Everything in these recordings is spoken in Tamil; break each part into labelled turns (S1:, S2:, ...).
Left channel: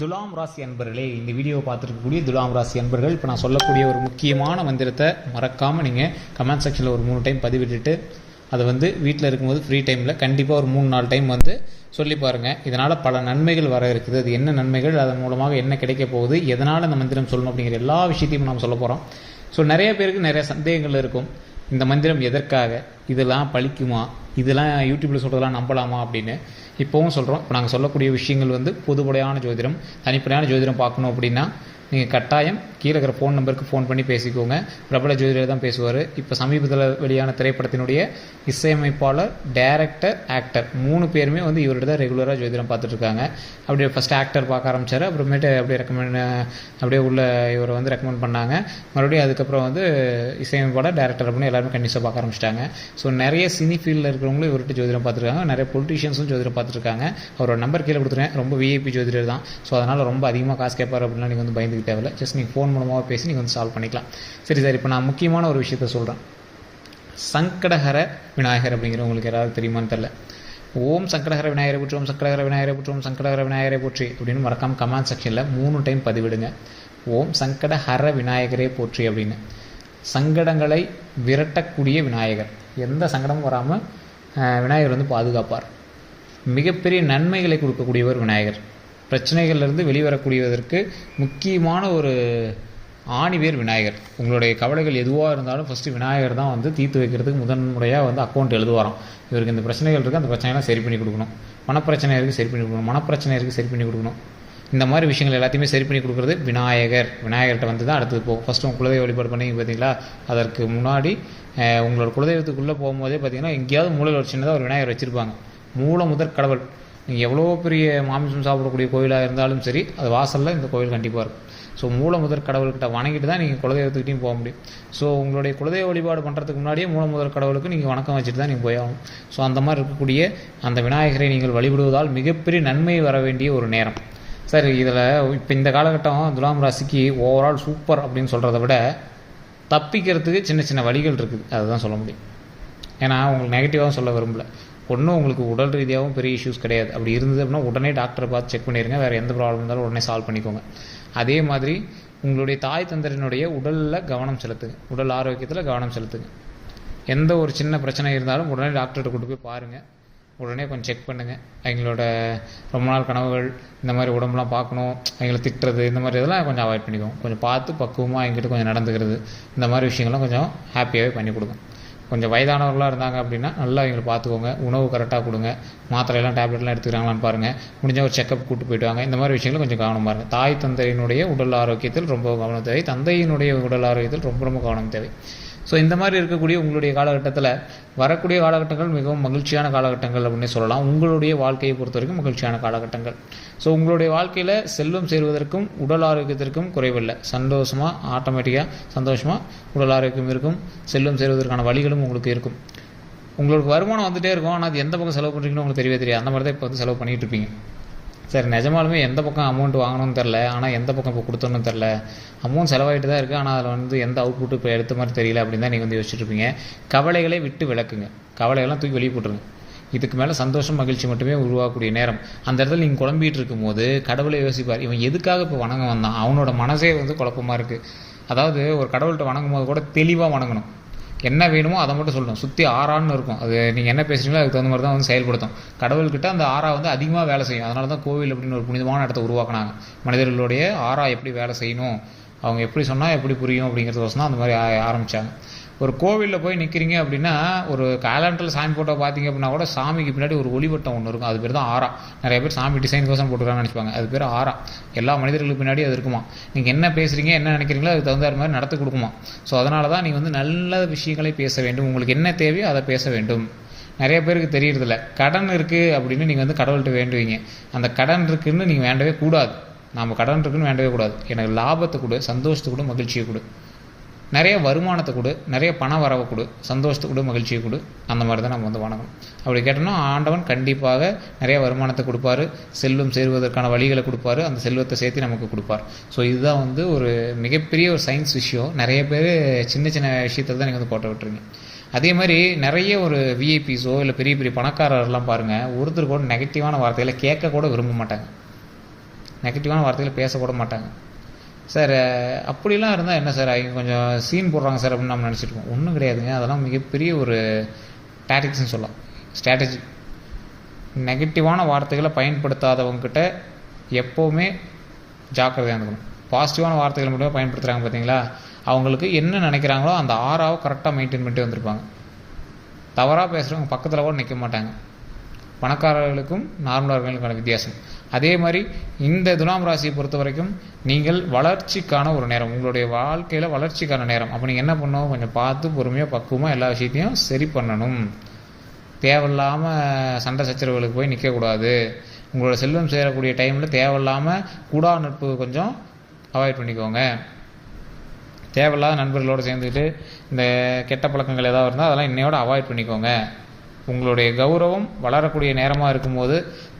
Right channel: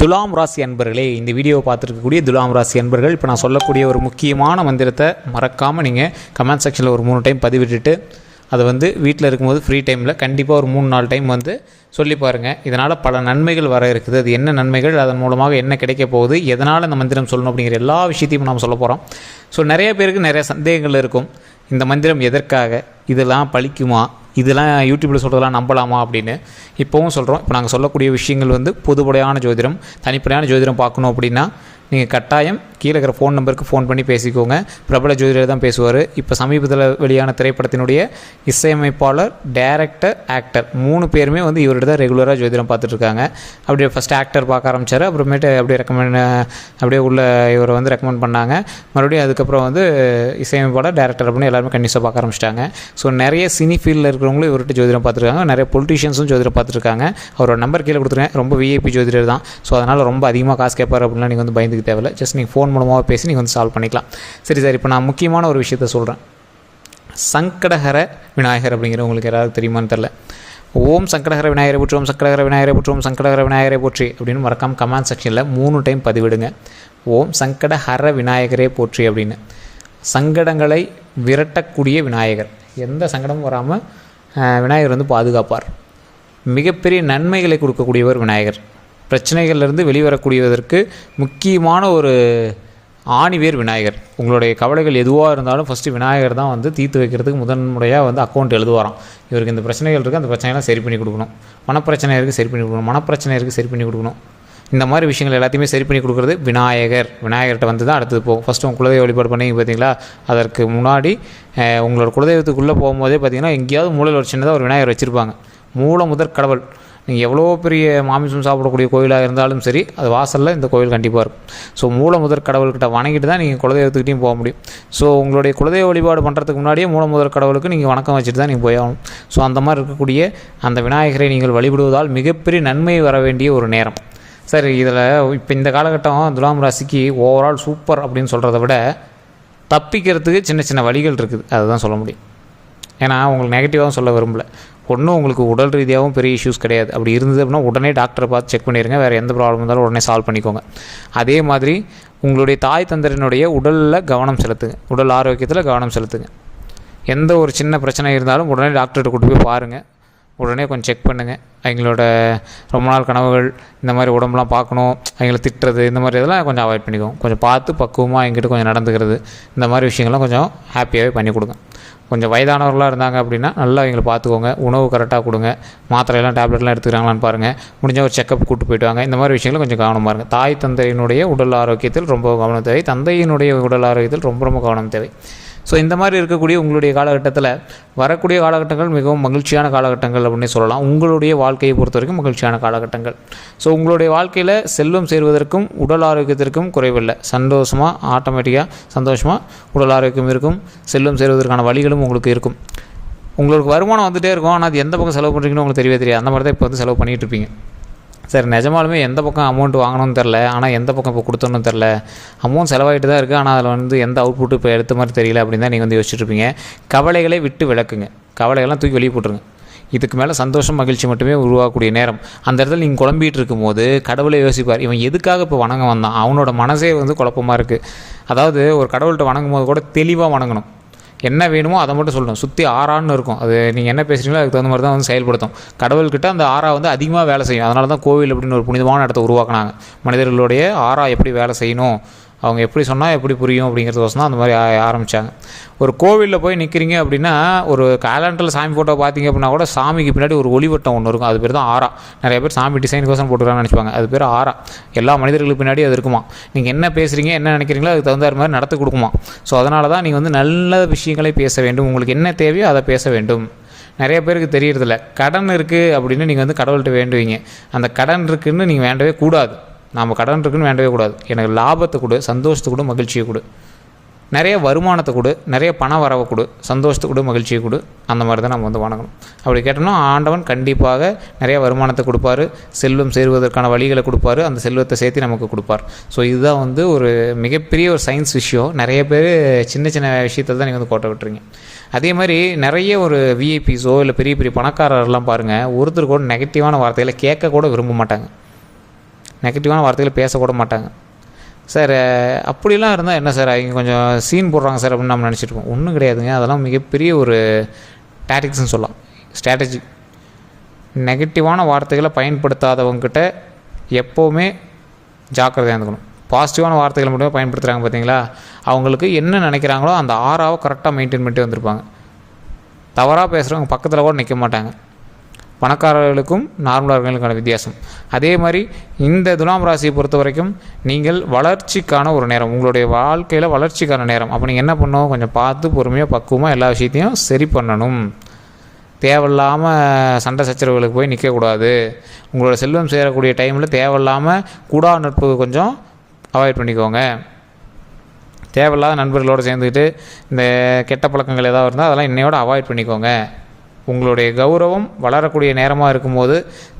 S1: துலாம் ராசி அன்பர்களே இந்த வீடியோவை பார்த்துருக்கக்கூடிய துலாம் ராசி அன்பர்கள் இப்போ நான் சொல்லக்கூடிய ஒரு முக்கியமான மந்திரத்தை மறக்காமல் நீங்கள் கமெண்ட் செக்ஷனில் ஒரு மூணு டைம் பதிவிட்டுட்டு அதை வந்து வீட்டில் இருக்கும்போது ஃப்ரீ டைமில் கண்டிப்பாக ஒரு மூணு நாலு டைம் வந்து சொல்லி பாருங்கள் இதனால் பல நன்மைகள் வர இருக்குது. அது என்ன நன்மைகள் அதன் மூலமாக என்ன கிடைக்க போகுது எதனால் இந்த மந்திரம் சொல்லணும் அப்படிங்கிற எல்லா விஷயத்தையும் நாம் சொல்ல போகிறோம் ஸோ நிறைய பேருக்கு நிறைய சந்தேகங்கள் இருக்கும். இந்த மந்திரம் எதற்காக? இதெல்லாம் பழிக்குமா? இதெல்லாம் யூடியூப்பில் சொல்கிறதெல்லாம் நம்பலாமா அப்படின்னு இப்போவும் சொல்கிறோம் இப்போ நாங்கள் சொல்லக்கூடிய விஷயங்கள் வந்து பொதுப்படையான ஜோதிடம் தனிப்படையான ஜோதிடம் பார்க்கணும் அப்படின்னா நீங்கள் கட்டாயம் கீழே இருக்கிற ஃபோன் நம்பருக்கு ஃபோன் பண்ணி பேசிக்கோங்க. பிரபல ஜோதிடர் தான் பேசுவார். இப்போ சமீபத்தில் வெளியான திரைப்படத்தினுடைய இசையமைப்பாளர் டேரக்டர் ஆக்டர் மூணு பேருமே வந்து இவர்கிட்ட தான் ரெகுலராக ஜோதிடம் பார்த்துட்ருக்காங்க அப்படியே ஃபஸ்ட் ஆக்டர் பார்க்க ஆரம்பிச்சார். அப்புறமேட்டு அப்படியே ரெக்கமெண்ட் அப்படியே உள்ள இவரை வந்து ரெக்கமெண்ட் பண்ணாங்க. மறுபடியும் அதுக்கப்புறம் வந்து இசையமைப்பாளர் டேரக்டர் அப்படின்னு எல்லாருமே கண்டிப்பாக பார்க்க ஆரம்பிச்சிட்டாங்க. ஸோ நிறைய சினி ஃபீல்டில் இருக்கிறவங்களும் இவர்கிட்ட ஜோதிடம் பார்த்துருக்காங்க நிறைய பொலிட்டிஷியன்ஸும் ஜோதிடம் பார்த்துருக்காங்க அவரோட நம்பர் கீழே கொடுத்துருக்கேன். ரொம்ப விஐபி ஜோதிடர் தான். ஸோ அதனால் ரொம்ப அதிகமாக காசு கேட்பார் அப்படின்னா நீங்கள் வந்து இதுக்கு தேவையில்லை. ஜஸ்ட் நீங்கள் ஃபோன் மூலமாக பேசி நீங்கள் வந்து சால்வ் பண்ணிக்கலாம். சரி சார் இப்போ நான் முக்கியமான ஒரு விஷயத்த சொல்கிறேன் சங்கடஹர விநாயகர் அப்படிங்கிற உங்களுக்கு யாராவது தெரியுமான்னு தெரில ஓம் சங்கடஹர விநாயகரை போற்றி ஓம் சங்கடகர விநாயகரை போற்றி ஓம் சங்கடஹர விநாயகரை போற்றி அப்படின்னு மறக்காம கமெண்ட் செக்ஷனில் மூணு டைம் பதிவிடுங்க. ஓம் சங்கடஹர விநாயகரே போற்றி அப்படின்னு. சங்கடங்களை விரட்டக்கூடிய விநாயகர். எந்த சங்கடமும் வராமல் விநாயகர் வந்து பாதுகாப்பார். மிகப்பெரிய நன்மைகளை கொடுக்கக்கூடியவர் விநாயகர். பிரச்சனைகள்லேருந்து வெளிவரக்கூடியதற்கு முக்கியமான ஒரு ஆணிவேர் விநாயகர். உங்களுடைய கவலைகள் எதுவாக இருந்தாலும் ஃபஸ்ட்டு விநாயகர் தான் வந்து தீர்த்து வைக்கிறதுக்கு முதன்முறையாக வந்து அக்கௌண்ட் எழுதுவாராம். இவருக்கு இந்த பிரச்சனைகள் இருக்குது அந்த பிரச்சனைலாம் சரி பண்ணி கொடுக்கணும். மனப்பிரச்சனை இருக்குது சரி பண்ணி கொடுக்கணும். மனப்பிரச்சனை இருக்குது சரி பண்ணி கொடுக்கணும். இந்த மாதிரி விஷயங்கள் எல்லாத்தையுமே சரி பண்ணி கொடுக்குறது விநாயகர். விநாயகர்கிட்ட வந்து தான் அடுத்தது போகும். ஃபஸ்ட்டு உங்கள் குலதெய்வ வழிபாடு பண்ணி பார்த்தீங்களா அதற்கு முன்னாடி உங்களோட குலதெய்வத்துக்குள்ளே போகும்போதே பார்த்தீங்கன்னா எங்கேயாவது மூலையில் ஒரு சின்னதாக ஒரு விநாயகர் வச்சுருப்பாங்க. மூல முதற் கடவுள். நீங்கள் எவ்வளோ பெரிய மாமிசம் சாப்பிடக்கூடிய கோயிலாக இருந்தாலும் சரி அது வாசலில் இந்த கோயில் கண்டிப்பாக இருக்கும். ஸோ மூல முதற் கடவுள்கிட்ட வணங்கிட்டு தான் நீங்கள் குலதெய்வத்துக்கிட்டையும் போக முடியும். ஸோ உங்களுடைய குலதெய்வ வழிபாடு பண்ணுறதுக்கு முன்னாடியே மூல முதற் கடவுளுக்கு நீங்கள் வணக்கம் வச்சுட்டு தான் நீங்கள் போய் ஆகணும். ஸோ அந்த மாதிரி இருக்கக்கூடிய அந்த விநாயகரை நீங்கள் வழிபடுவதால் மிகப்பெரிய நன்மை வர வேண்டிய ஒரு நேரம். சரி இதில் இப்போ இந்த காலகட்டம் துலாம் ராசிக்கு ஓவரால் சூப்பர் அப்படின்னு சொல்கிறத விட தப்பிக்கிறதுக்கு சின்ன சின்ன வழிகள் இருக்குது. அதை தான் சொல்ல முடியும். ஏன்னா உங்களுக்கு நெகட்டிவாகவும் சொல்ல விரும்பல. ஒன்றும் உங்களுக்கு உடல் ரீதியாகவும் பெரிய இஷ்யூஸ் கிடையாது. அப்படி இருந்தது அப்படின்னா உடனே டாக்டரை பார்த்து செக் பண்ணிடுங்க வேறு எந்த ப்ராப்ளம் இருந்தாலும் உடனே சால்வ் பண்ணிக்கோங்க. அதே மாதிரி உங்களுடைய தாய் தந்தரினுடைய உடலில் கவனம் செலுத்துங்க. உடல் ஆரோக்கியத்தில் கவனம் செலுத்துங்க. எந்த ஒரு சின்ன பிரச்சனை இருந்தாலும் உடனே டாக்டர்கிட்ட கூட்டு போய் பாருங்கள் உடனே கொஞ்சம் செக் பண்ணுங்கள் அவங்களோட ரொம்ப நாள் கனவுகள் இந்த மாதிரி உடம்புலாம் பார்க்கணும் அவங்கள திட்டுறது இந்த மாதிரி இதெல்லாம் கொஞ்சம் அவாய்ட் பண்ணிக்கோங்க. கொஞ்சம் பார்த்து பக்குவமாக எங்கிட்ட கொஞ்சம் நடந்துக்கிறது. இந்த மாதிரி விஷயங்கள்லாம் கொஞ்சம் ஹாப்பியாகவே பண்ணி கொடுங்க. கொஞ்சம் வயதானவர்களாக இருந்தாங்க அப்படின்னா நல்லா அவங்கள பார்த்துக்கோங்க. உணவு கரெக்டாக கொடுங்க. மாத்திரையெல்லாம் டேப்லெட்லாம் எடுத்துக்கிறாங்களான்னு பாருங்கள் முடிஞ்ச ஒரு செக்கப் கூட்டு போயிட்டு வாங்க. இந்த மாதிரி விஷயங்களும் கொஞ்சம் கவனமாக இருங்க. தாய் தந்தையினுடைய உடல் ஆரோக்கியத்தில் ரொம்ப கவனம் தேவை. தந்தையினுடைய உடல் ஆரோக்கியத்தில் ரொம்ப ரொம்ப கவனம் தேவை. ஸோ இந்த மாதிரி இருக்கக்கூடிய உங்களுடைய காலகட்டத்தில் வரக்கூடிய காலகட்டங்கள் மிகவும் மகிழ்ச்சியான காலகட்டங்கள் அப்படின்னு சொல்லலாம். உங்களுடைய வாழ்க்கையை பொறுத்த வரைக்கும் மகிழ்ச்சியான காலகட்டங்கள். ஸோ உங்களுடைய வாழ்க்கையில் செல்வம் சேர்வதற்கும் உடல் ஆரோக்கியத்திற்கும் குறைவில்லை. சந்தோஷமாக ஆட்டோமேட்டிக்காக சந்தோஷமாக உடல் ஆரோக்கியம் இருக்கும். செல்வம் சேர்வதற்கான வழிகளும் உங்களுக்கு இருக்கும். உங்களுக்கு வருமானம் வந்துகிட்டே இருக்கும். ஆனால் அது எந்த பக்கம் செலவு பண்ணுறீங்கன்னு உங்களுக்கு தெரியவே தெரியாது. அந்த மாதிரி தான் இப்போ வந்து செலவு பண்ணிகிட்டு இருப்பீங்க. சார் நிஜமாலுமே எந்த பக்கம் அமௌண்ட் வாங்கணும்னு தெரில ஆனால் எந்த பக்கம் இப்போ கொடுத்தோன்னு தெரில அமௌண்ட் செலவாயிட்டு தான் இருக்குது ஆனால் அதில் வந்து எந்த அவுட்புட்டு இப்போ எடுத்த மாதிரி தெரியல அப்படின்னு தான் நீங்கள் வந்து யோசிச்சுட்டு கவலைகளை விட்டு விளக்குங்க. கவலைகள்லாம் தூக்கி வெளியே போட்டுருங்க. இதுக்கு மேலே சந்தோஷம் மகிழ்ச்சி மட்டுமே உருவாகக்கூடிய நேரம். அந்த இடத்துல நீங்கள் குழம்பிகிட்டு இருக்கும்போது கடவுளை யோசிப்பார் இவன் எதுக்காக இப்போ வணங்க வந்தான்? அவனோட மனசே வந்து குழப்பமாக இருக்குது அதாவது ஒரு கடவுள்கிட்ட வணங்கும் போது கூட தெளிவாக வணங்கணும். என்ன வேணுமோ அதை மட்டும் சொல்லணும். சுற்றி ஆறான்னு இருக்கும். அது நீங்கள் என்ன பேசுகிறீங்களோ அதுக்கு தகுந்த மாதிரி தான் வந்து செயல்படுத்தும். கடவுள்கிட்ட அந்த ஆறா வந்து அதிகமாக வேலை செய்யும். அதனால தான் கோவில் அப்படின்னு ஒரு புனிதமான இடத்த உருவாக்குனாங்க. மனிதர்களுடைய ஆறா எப்படி வேலை செய்யணும்? அவங்க எப்படி சொன்னால் எப்படி புரியும் அப்படிங்கிறது தான் அந்த மாதிரி ஆரம்பித்தாங்க ஒரு கோவிலில் போய் நிற்கிறீங்க அப்படின்னா ஒரு கேலண்டரில் சாமி ஃபோட்டோ பார்த்தீங்க அப்படின்னா கூட சாமிக்கு பின்னாடி ஒரு ஒளிவட்டம் ஒன்று இருக்கும். அது பேர் தான் ஆறா. நிறைய பேர் சாமி டிசைன் கோசம் போட்டுருக்காங்கன்னு நினச்சிப்பாங்க. அது பேர் ஆரா எல்லா மனிதர்களுக்கு பின்னாடி அது இருக்குமா? நீங்கள் என்ன பேசுகிறீங்க என்ன நினைக்கிறீங்களோ அதுக்கு தகுந்த மாதிரி நடத்து கொடுக்குமா? ஸோ அதனால தான் நீங்கள் வந்து நல்ல விஷயங்களை பேச வேண்டும். உங்களுக்கு என்ன தேவையோ அதை பேச வேண்டும். நிறைய பேருக்கு தெரியறதில்ல. கடன் இருக்குது அப்படின்னு நீங்கள் வந்து கடவுள்கிட்ட வேண்டுவீங்க. அந்த கடன் இருக்குதுன்னு நீங்கள் வேண்டவே கூடாது. நாம் கடன் இருக்குன்னு வேண்டவே கூடாது. எனக்கு லாபத்தை கொடு சந்தோஷத்தை கொடு மகிழ்ச்சியை கொடு. நிறைய வருமானத்தை கொடு நிறைய பண வரவை கொடு சந்தோஷத்தை கொடு மகிழ்ச்சியை கொடு. அந்த மாதிரி தான் நம்ம வந்து வணங்கணும் அப்படி கேட்டோம்னா ஆண்டவன் கண்டிப்பாக நிறைய வருமானத்தை கொடுப்பாரு. செல்வம் சேருவதற்கான வழிகளை கொடுப்பாரு. அந்த செல்வத்தை சேர்த்து நமக்கு கொடுப்பார். ஸோ இதுதான் வந்து ஒரு மிகப்பெரிய ஒரு சயின்ஸ் விஷயம். நிறைய பேர் சின்ன சின்ன விஷயத்தை தான் நீங்கள் வந்து கோட்டை விட்டுறீங்க. அதே மாதிரி நிறைய ஒரு விஐபிஸோ இல்லை பெரிய பெரிய பணக்காரர்லாம் பாருங்கள் ஒருத்தர் கூட நெகட்டிவான வார்த்தைகளை கேட்க கூட விரும்ப மாட்டாங்க. நெகட்டிவான வார்த்தைகளை பேசக்கூட மாட்டாங்க. சார் அப்படிலாம் இருந்தால் என்ன சார் அவங்க கொஞ்சம் சீன் போடுறாங்க சார் அப்படின்னு நம்ம நினச்சிட்டு இருக்கோம். ஒன்றும் கிடையாதுங்க. அதெல்லாம் மிகப்பெரிய ஒரு டாட்டிக்ஸ்னு சொல்லலாம். ஸ்ட்ராட்டஜி நெகட்டிவான வார்த்தைகளை பயன்படுத்தாதவங்கக்கிட்ட எப்போவுமே ஜாக்கிரதையாக இருந்துக்கணும். பாசிட்டிவான வார்த்தைகளை மட்டுமே பயன்படுத்துகிறாங்க பார்த்தீங்களா அவங்களுக்கு என்ன நினைக்கிறாங்களோ அந்த ஆறாவை கரெக்டாக மெயின்டைன் பண்ணிட்டு வந்திருப்பாங்க. தவறாக பேசுகிறவங்க பக்கத்தில் கூட நிற்க மாட்டாங்க. பணக்காரர்களுக்கும் நார்மலார்களுக்கான வித்தியாசம். அதே மாதிரி இந்த துலாம் ராசியை பொறுத்த வரைக்கும் நீங்கள் வளர்ச்சிக்கான ஒரு நேரம் உங்களுடைய வாழ்க்கையில் வளர்ச்சிக்கான நேரம். அப்போ நீங்கள் என்ன பண்ணணும்? கொஞ்சம் பார்த்து பொறுமையாக பக்குவமாக எல்லா விஷயத்தையும் சரி பண்ணணும். தேவையில்லாமல் சண்டை சச்சரவுகளுக்கு போய் நிற்கக்கூடாது உங்களோட செல்வம் சேரக்கூடிய டைமில் தேவையில்லாமல் கூடா நட்பு கொஞ்சம் அவாய்ட் பண்ணிக்கோங்க. தேவையில்லாத நண்பர்களோடு சேர்ந்துக்கிட்டு இந்த கெட்ட பழக்கங்கள் ஏதாவது இருந்தால் அதெல்லாம் இன்னையோட அவாய்ட் பண்ணிக்கோங்க. உங்களுடைய கௌரவம் வளரக்கூடிய நேரமாக இருக்கும்போது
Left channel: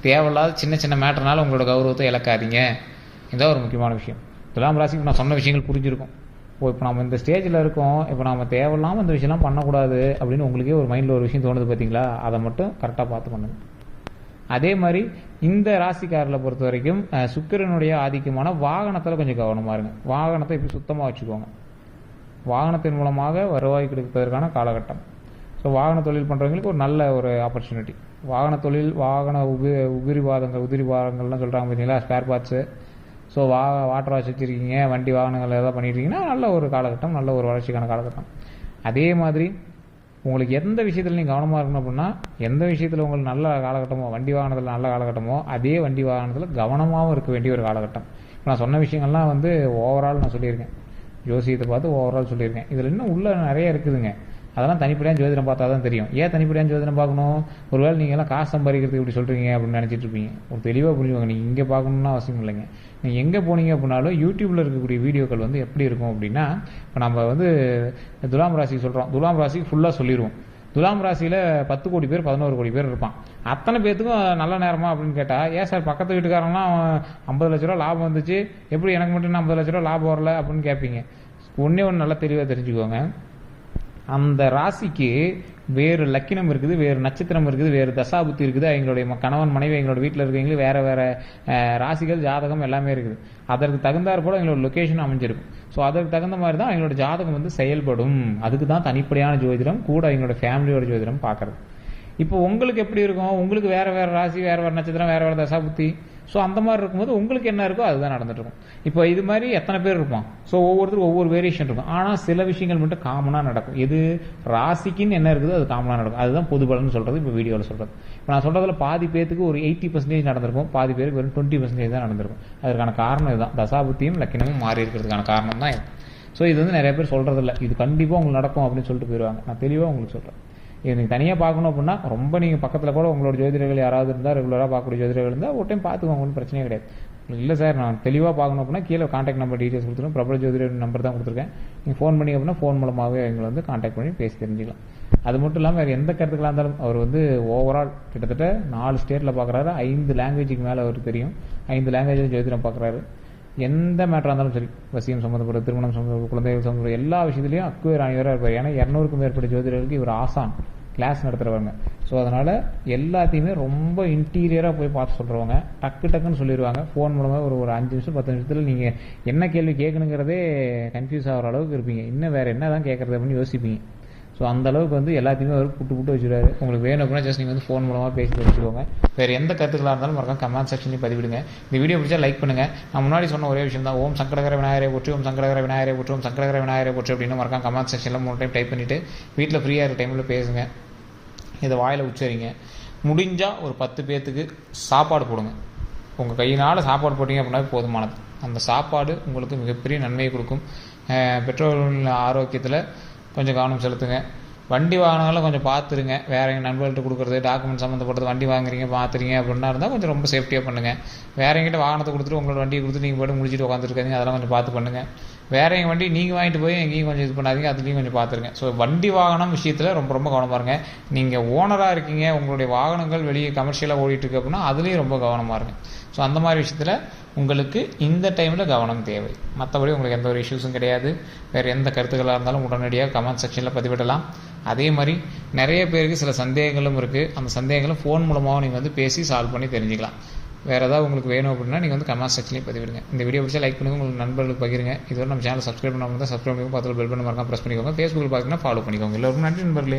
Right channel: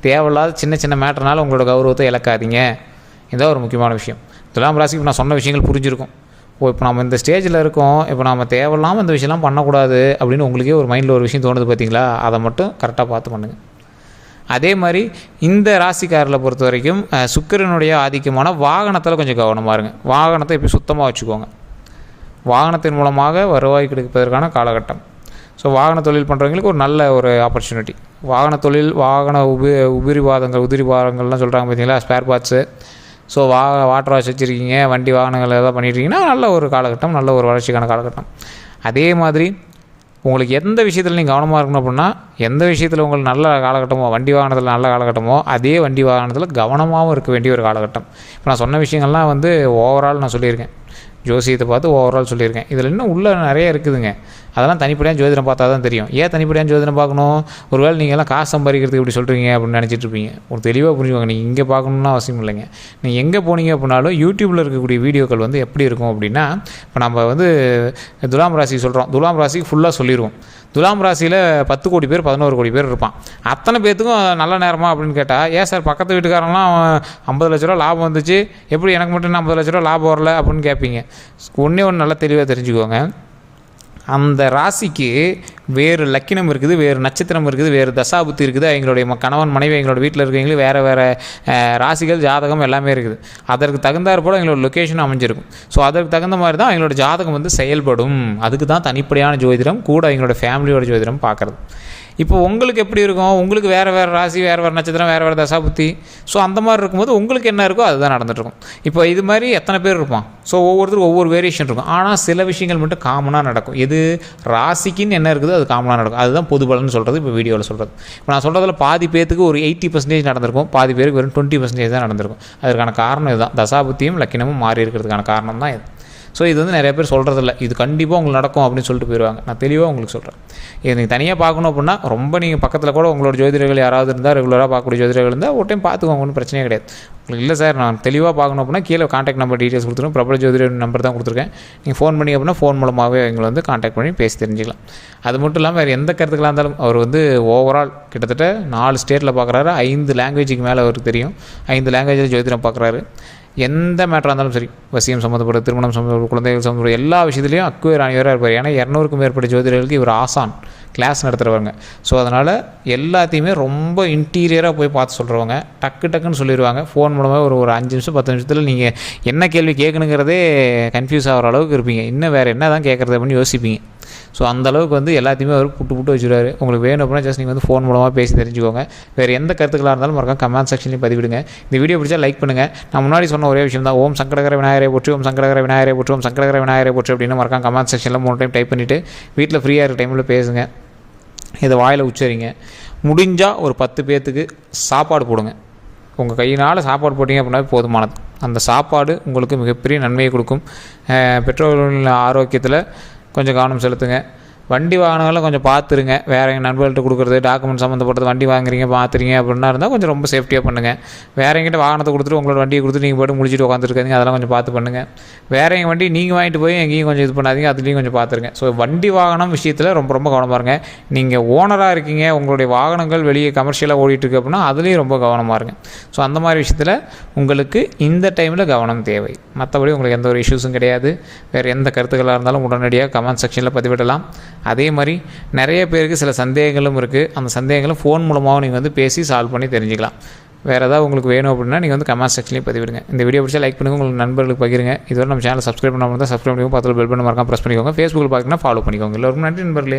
S1: தேவையில்லாத சின்ன சின்ன மேட்டர்னால உங்களோட கௌரவத்தை இழக்காதீங்க. இதான் ஒரு முக்கியமான விஷயம். துலாம் ராசிக்கு நான் சொன்ன விஷயங்கள் புரிஞ்சிருக்கும். ஓ இப்போ நம்ம இந்த ஸ்டேஜில் இருக்கோம். இப்போ நம்ம தேவையில்லாமல் இந்த விஷயம்லாம் பண்ணக்கூடாது அப்படின்னு உங்களுக்கே ஒரு மைண்டில் ஒரு விஷயம் தோணுது பார்த்தீங்களா அதை மட்டும் கரெக்டாக பார்த்து பண்ணுங்கள் அதே மாதிரி இந்த ராசிக்காரில் பொறுத்த வரைக்கும் சுக்கரனுடைய சுக்கிரனுடைய ஆதிக்கமான வாகனத்தில் கொஞ்சம் கவனமாக இருங்க. வாகனத்தை இப்போ சுத்தமாக வச்சுக்கோங்க. வாகனத்தின் மூலமாக வருவாய் கிடைப்பதற்கான காலகட்டம். ஸோ வாகன தொழில் பண்ணுறவங்களுக்கு ஒரு நல்ல ஒரு ஆப்பர்ச்சுனிட்டி வாகன தொழில் வாகன உபி உபரிவாதங்கள் உதிரிவாதங்கள்லாம் சொல்கிறாங்க பார்த்தீங்களா ஸ்பேர் பார்ட்ஸு ஸோ வா வாட்டர் வாஷ் வச்சுருக்கீங்க வண்டி வாகனங்கள் ஏதாவது பண்ணிட்டுருக்கீங்கன்னா நல்ல ஒரு காலகட்டம் நல்ல ஒரு வளர்ச்சிக்கான காலகட்டம். அதே மாதிரி உங்களுக்கு எந்த விஷயத்தில் நீங்கள் கவனமாக இருக்கணும் அப்படின்னா எந்த விஷயத்தில் உங்களுக்கு நல்ல காலகட்டமோ வண்டி வாகனத்தில் நல்ல காலகட்டமோ அதே வண்டி வாகனத்தில் கவனமாகவும் இருக்க வேண்டிய ஒரு காலகட்டம். இப்போ நான் சொன்ன விஷயங்கள்லாம் வந்து ஓவரால் நான் சொல்லியிருக்கேன். ஜோசியத்தை பார்த்து ஓவரால் சொல்லியிருக்கேன். இதில் இன்னும் உள்ளே நிறைய இருக்குதுங்க. அதெல்லாம் தனிப்படியாக ஜோதிடம் பார்த்தா தான் தெரியும். ஏன் தனிப்படியாக ஜோதிடம் பார்க்கணும்? ஒருவேளை நீங்கள் எல்லாம் காசு சம்பாதிக்கிறதுக்கு இப்படி சொல்கிறீங்க அப்படின்னு நினச்சிட்டு இருப்பீங்க. ஒரு தெளிவாக புரிஞ்சுக்கோங்க. நீங்கள் இங்கே பார்க்கணுன்னு அவசியம் இல்லைங்க. நீங்கள் எங்கே போனீங்க அப்படின்னாலும் யூடியூப்பில் இருக்கக்கூடிய வீடியோக்கள் வந்து எப்படி இருக்கும் அப்படின்னா இப்போ நம்ம வந்து துலாம் ராசி சொல்கிறோம் துலாம் ராசிக்கு ஃபுல்லாக சொல்லிடுவோம் துலாம் ராசியில் பத்து கோடி பேர் பதினோரு கோடி பேர் இருப்பான். அத்தனை பேர்த்துக்கும் நல்ல நேரமா அப்படின்னு கேட்டால் ஏன் சார் பக்கத்து வீட்டுக்காரங்களாம் ஐம்பது லட்ச ரூபா லாபம் வந்துச்சு? எப்படி எனக்கு மட்டும் ஐம்பது லட்ச ரூபா லாபம் வரல அப்படின்னு கேட்பீங்க ஒன்றே ஒன்று நல்லா தெளிவாக தெரிஞ்சுக்கோங்க. அந்த ராசிக்கு வேறு லக்கினம் இருக்குது வேறு நட்சத்திரம் இருக்குது வேறு தசாபுத்தி இருக்குது. எங்களுடைய கணவன் மனைவி எங்களோட வீட்டில் இருக்கவங்களுக்கு வேறு வேறு ராசிகள் ஜாதகம் எல்லாமே இருக்குது. அதற்கு தகுந்தாற் போல் எங்களோட லொக்கேஷன் அமைஞ்சிருக்கும். ஸோ அதற்கு தகுந்த மாதிரி தான் எங்களோட ஜாதகம் வந்து செயல்படும். அதுக்கு தான் தனிப்படையான ஜோதிடம் கூட எங்களோட ஃபேமிலியோட ஜோதிடம் பார்க்குறது. இப்போ உங்களுக்கு எப்படி இருக்கும்? உங்களுக்கு வேறு வேறு ராசி வேறு வேறு நட்சத்திரம் வேறு வேறு தசாபுத்தி. ஸோ அந்த மாதிரி இருக்கும்போது உங்களுக்கு என்ன இருக்கோ அதுதான் நடந்துகிட்ருக்கும் இப்போ இது மாதிரி எத்தனை பேர் இருப்பான் ஸோ ஒவ்வொருத்தருக்கும் ஒவ்வொரு வேரியேஷன் இருக்கும். ஆனால் சில விஷயங்கள் மட்டும் காமனாக நடக்கும். எது? ராசிக்குன்னு என்ன இருக்குதோ அது காமனாக நடக்கும். அதுதான் பொது சொல்கிறது இப்போ வீடியோவில் சொல்கிறது இப்போ நான் சொல்கிறதுல பாதி பேத்துக்கு ஒரு எயிட்டி பர்சன்டேஜ் நடந்திருக்கும். பாதி பேருக்கு வெறும் டுவெண்ட்டி பர்சன்டேஜ் தான் நடந்திருக்கும். அதற்கான காரணம் இதுதான். தசாபுத்தியும் லக்கினமும் மாறி இருக்கிறதுக்கான காரணம் தான் இது. ஸோ இது வந்து நிறைய பேர் சொல்கிறதில்ல இது கண்டிப்பாக உங்களுக்கு நடக்கும் அப்படின்னு சொல்லிட்டு போயிடுவாங்க நான் தெளிவாக உங்களுக்கு சொல்கிறேன் இது நீங்கள் தனியாக பார்க்கணும் அப்படின்னா ரொம்ப நீங்கள் பக்கத்தில் கூட உங்களோட ஜோதிடர்கள் யாராவது இருந்தால் ரெகுலராக பார்க்கக்கூடிய ஜோதிடர்கள் இருந்தால் ஒரு டைம் பார்த்துக்கோங்க ஒன்றும் பிரச்சனையே கிடையாது. உங்களுக்கு இல்லை சார் நான் தெளிவாக பார்க்கணும் அப்படின்னா கீழே காண்டாக்ட் நம்பர் டீட்டெயில்ஸ் கொடுத்துருக்கேன் பிரபல ஜோதிடர் நம்பர் தான் கொடுத்துருக்கேன். நீங்கள் ஃபோன் பண்ணி அப்படின்னா ஃபோன் மூலமாகவே எங்களை வந்து காண்டாக்ட் பண்ணி பேசி தெரிஞ்சுக்கலாம். அது மட்டும் இல்லாமல் வேறு எந்த கருத்துக்களாக இருந்தாலும் அவர் வந்து ஓவரால் கிட்டத்தட்ட நாலு ஸ்டேட்டில் பார்க்குறாரு ஐந்து லாங்குவேஜுக்கு மேலே அவருக்கு தெரியும். ஐந்து லாங்குவேஜில் ஜோதிடம் பார்க்குறாரு எந்த மேட்டராக இருந்தாலும் சரி. வசியம் சம்மந்தப்பட்ட திருமணம் சம்மந்தப்பட்ட குழந்தைகள் சம்மந்தப்பட்ட எல்லா விஷயத்துலையும் அக்குவேர் அணிவராக இருப்பார் ஏன்னா இரநூறுக்கும் மேற்பட்ட ஜோதிடர்களுக்கு இவர் ஆசான். கிளாஸ் நடத்துகிறவங்க ஸோ அதனால் எல்லாத்தையுமே ரொம்ப இன்டீரியராக போய் பார்த்து சொல்கிறவங்க டக்கு டக்குன்னு சொல்லிடுவாங்க ஃபோன் மூலமாக ஒரு ஒரு அஞ்சு நிமிஷம் பத்து நிமிஷத்தில் நீங்கள் என்ன கேள்வி கேட்கணுங்கிறதே கன்ஃபியூஸ் ஆகிற அளவுக்கு இருப்பீங்க. இன்னும் வேறு என்ன தான் கேட்குறது அப்படின்னு யோசிப்பீங்க. ஸோ அந்த அளவுக்கு வந்து எல்லாத்தையுமே அவர் புட்டு புட்டு வச்சுருவாரு. உங்களுக்கு வேணும் அப்படின்னா ஜஸ்ட் நீங்கள் வந்து ஃபோன் மூலமாக பேசி தெரிஞ்சுக்கோங்க. வேறு எந்த கருத்துக்களாக இருந்தாலும் மறக்காம கமெண்ட் செக்ஷன்லையும் பதிவிடுங்க. இந்த வீடியோ பிடிச்சா லைக் பண்ணுங்கள் நான் முன்னாடி சொன்ன ஒரே விஷயம் தான். ஓம் சங்கடகர விநாயகரை போற்றி ஓம் சங்கடகர விநாயகரை போற்றி ஓம் சங்கடகர விநாயகரை போற்றி அப்படின்னு மறக்காம கமெண்ட் செக்ஷனில் மூணு டைம் டைப் பண்ணிவிட்டு வீட்டில் ஃப்ரீயாக இருக்க டைமில் பேசுங்க. இதை வாயில் உச்சரிங்க. முடிஞ்சால் ஒரு பத்து பேர்த்துக்கு சாப்பாடு போடுங்க. உங்கள் கையினால் சாப்பாடு போட்டிங்க அப்படின்னா போதுமானது. அந்த சாப்பாடு உங்களுக்கு மிகப்பெரிய நன்மையை கொடுக்கும். பெற்றோர்களின் ஆரோக்கியத்தில் கொஞ்சம் கவனம் செலுத்துங்க. வண்டி வாங்கினாலும் கொஞ்சம் பார்த்துருங்க. வேறு எங்கள் நண்பர்கள்ட்ட கொடுக்குறது டாக்குமெண்ட் சம்மந்தப்பட்டது வண்டி வாங்குறீங்க பார்த்துறீங்க அப்படின்னா இருந்தால் கொஞ்சம் ரொம்ப சேஃப்டியாக பண்ணுங்கள் வேறு எங்கிட்ட வாகனத்தை கொடுத்துட்டு உங்களோட வண்டியை கொடுத்துட்டு நீங்கள் போய்ட்டு முடிச்சுட்டு உட்காந்துருக்காதீங்க அதெல்லாம் கொஞ்சம் பார்த்து பண்ணுங்கள் வேற எங்கள் வண்டி நீங்கள் வாங்கிட்டு போய் எங்கேயும் கொஞ்சம் இது பண்ணாதீங்க. அதுலேயும் கொஞ்சம் பார்த்துருங்க. ஸோ வண்டி வாகனம் விஷயத்தில் ரொம்ப ரொம்ப கவனமாக இருங்க. நீங்கள் ஓனராக இருக்கீங்க உங்களுடைய வாகனங்கள் வெளியே கமர்ஷியலாக ஓடிட்டுருக்கு அப்படின்னா அதுலேயும் ரொம்ப கவனமாக இருங்க. ஸோ அந்த மாதிரி விஷயத்தில் உங்களுக்கு இந்த டைமில் கவனம் தேவை. மற்றபடி உங்களுக்கு எந்த ஒரு இஷ்யூஸும் கிடையாது. வேறு எந்த கருத்துக்களாக இருந்தாலும் உடனடியாக கமெண்ட் செக்ஷனில் பதிவிடலாம். அதே மாதிரி நிறைய பேருக்கு சில சந்தேகங்களும் இருக்குது அந்த சந்தேகங்களும் ஃபோன் மூலமாகவும் நீங்கள் வந்து பேசி சால்வ் பண்ணி தெரிஞ்சுக்கலாம். வேறு ஏதாவது உங்களுக்கு வேணும் அப்படின்னா நீங்கள் வந்து கமெண்ட் செக்ஷன்லேயே பதிவிடுங்க. இந்த வீடியோ பிடிச்சா லைக் பண்ணுங்கள் உங்களுக்கு நண்பர்களுக்கு பகிருங்க. இதுவரை நம்ம சேனல் சப்ஸ்கிரைப் பண்ணாமல் தான் சப்ஸ்கிரைப் பண்ணிக்கோங்க. பக்கத்தில் பெல் பண்ண மறக்காம ப்ரெஸ் பண்ணிக்கோங்க. ஃபேஸ்புக்கில் பார்த்தீங்கன்னா ஃபாலோ பண்ணிக்கோங்க. எல்லோருக்கும் நன்றி நண்பர்களே.